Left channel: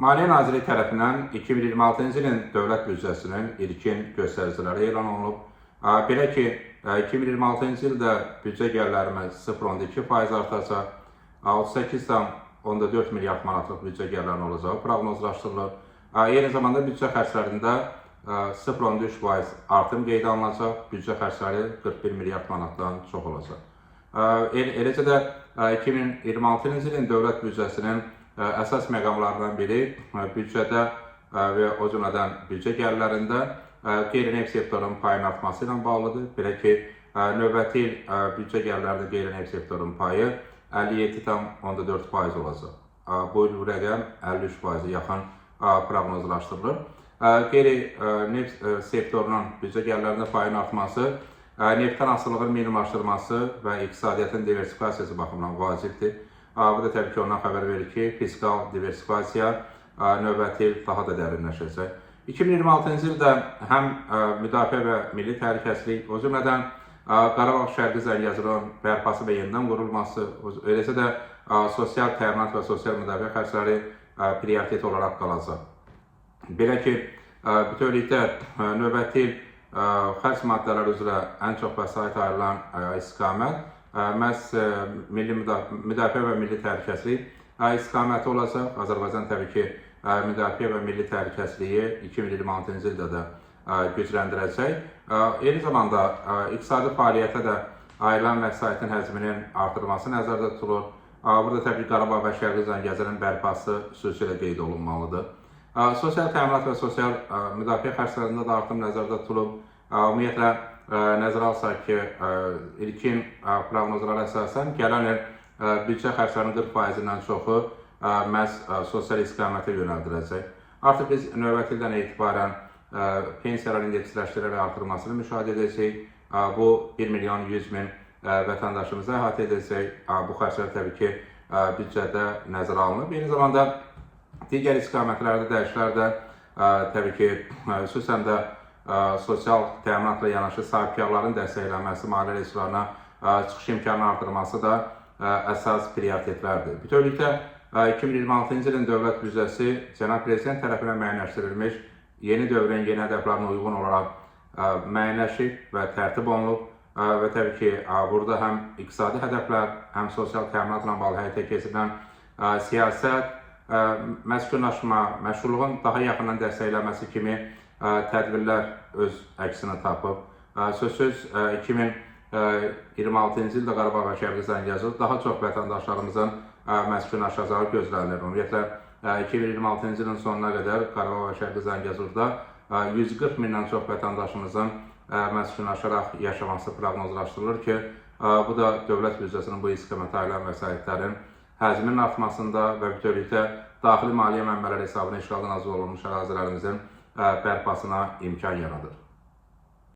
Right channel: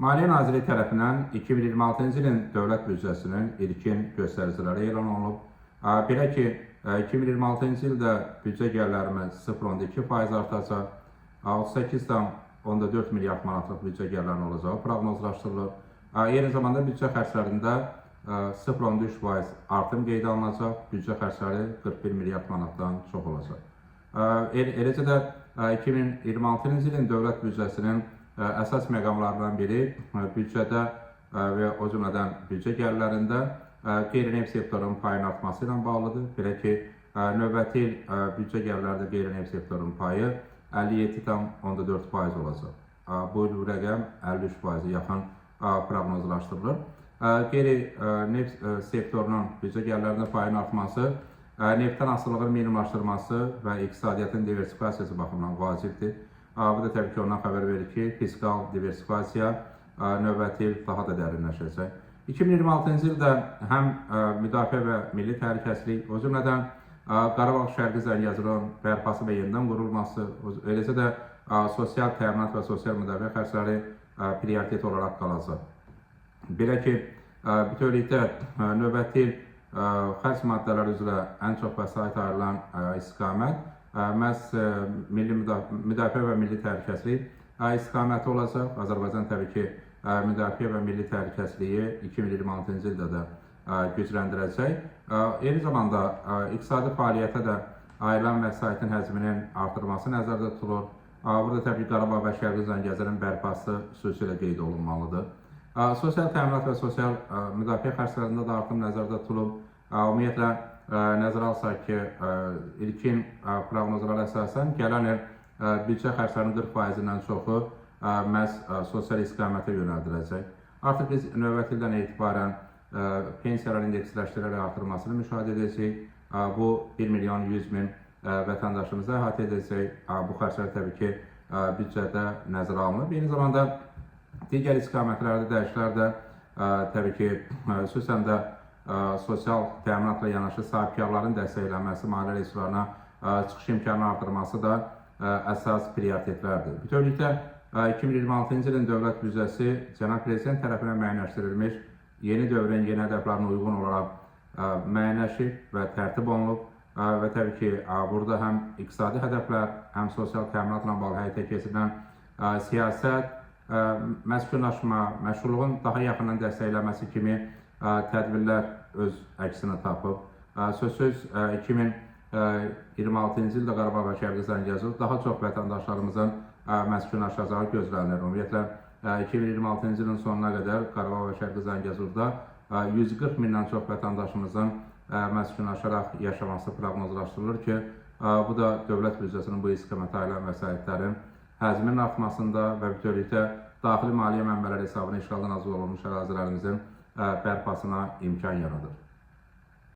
Maliyyə Nazirliyi tərəfindən 2026-cı ilin dövlət büdcəsinin ilkin göstəriciləri elan olunub. Belə ki, 2026-cı ildə büdcə gəlirlərimiz 0,2% artacaq, 38,4 milyard manatlıq büdcə gəlirlərinin olacağı proqnozlaşdırılır. Eyni zamanda büdcə xərclərində 0,3% artım qeydə alınacaq, büdcə xərcləri 41 milyard manatdan çox olacaq. Eləcə də 2026-cı ilin dövlət büdcəsinin əsas məqamlarından biri büdcədə və o cümlədən büdcə gəlirlərində qeyri-neft sektorunun payının artması ilə bağlıdır. Belə ki, növbəti il büdcə gəlirlərində qeyri-neft sektorunun payı 57,4% olacaq. Bu il bu rəqəm 53%-ə yaxın proqnozlaşdırılır. Qeyri-neft sektorunun büdcə gəlirlərində payının artması neftdən asılılığın minimumlaşdırılması və iqtisadiyyatın diversifikasiyası baxımından vacibdir. Bu da təbii ki, ondan xəbər verir ki, fiskal diversifikasiya növbəti il daha da dərinləşəcək. 2026-cı ildə həm müdafiə və milli təhlükəsizlik, o cümlədən Qarabağ Şərqi Zəngəzurun bərpası və yenidən qurulması, eləcə də sosial təminat və sosial müdafiə xərcləri prioritet olaraq qalacaq. Belə ki, bütövlükdə növbəti il xərc maddələri üzrə ən çox vəsait ayrılan istiqamət məhz milli müdafiə və milli təhlükəsizlik istiqaməti olacaq. Azərbaycan təbii ki, müdafiə və milli təhlükəsizliyi 2026-cı ildə də gücləndirəcək. Eyni zamanda iqtisadi fəaliyyətə də ayrılan vəsaitin həcminin artırılması nəzərdə tutulur. Burada təbii ki, Qarabağ və Şərqi Zəngəzurun bərpası xüsusilə qeyd olunmalıdır. Sosial təminat və sosial müdafiə xərclərində də artım nəzərdə tutulub. Ümumiyyətlə, nəzərə alsaq ki, ilkin proqnozlara əsasən gələn il büdcə xərclərinin 40%-dən çoxu məhz sosial istiqamətə yönəldiləcək. Artıq biz növbəti ildən etibarən pensiyalar indeksləşdirərək artırılmasını müşahidə edəcək. Bu 1.100.000 vətəndaşımızı əhatə edəcək. Bu xərclər təbii ki, büdcədə nəzərə alınıb. Eyni zamanda digər istiqamətlərdə dəyişikliklər də təbii ki, xüsusən də sosial təminatla yanaşı sahibkarların dəstəklənməsi, maliyyə resurslarına çıxış imkanının artırılması da əsas prioritetlərdir. Bütövlükdə 2026-cı ilin dövlət büdcəsi Cənab Prezident tərəfindən müəyyənləşdirilmiş yeni dövrün yeni hədəflərinə uyğun olaraq müəyyənləşib və tərtib olunub və təbii ki, burada həm iqtisadi hədəflər, həm sosial təminatla bağlı həyata keçirilən siyasət, məskunlaşma, məşğulluğun daha yaxından dəstəklənməsi kimi tədbirlər öz əksini tapıb. Sözsüz 2026-cı ildə Qarabağ və Şərqi Zəngəzur daha çox vətəndaşlarımızın məskunlaşacağı gözlənilir. Ümumiyyətlə, 2026-cı ilin sonuna qədər Qarabağ və Şərqi Zəngəzurda 140 mindən çox vətəndaşımızın məskunlaşaraq yaşaması proqnozlaşdırılır ki, bu da dövlət büdcəsinin bu istiqamətə ayrılan vəsaitlərin həcminin artmasında və bütövlükdə daxili maliyyə mənbələri hesabına işğaldan azad olunmuş ərazilərimizin bərpasına imkan yaradır.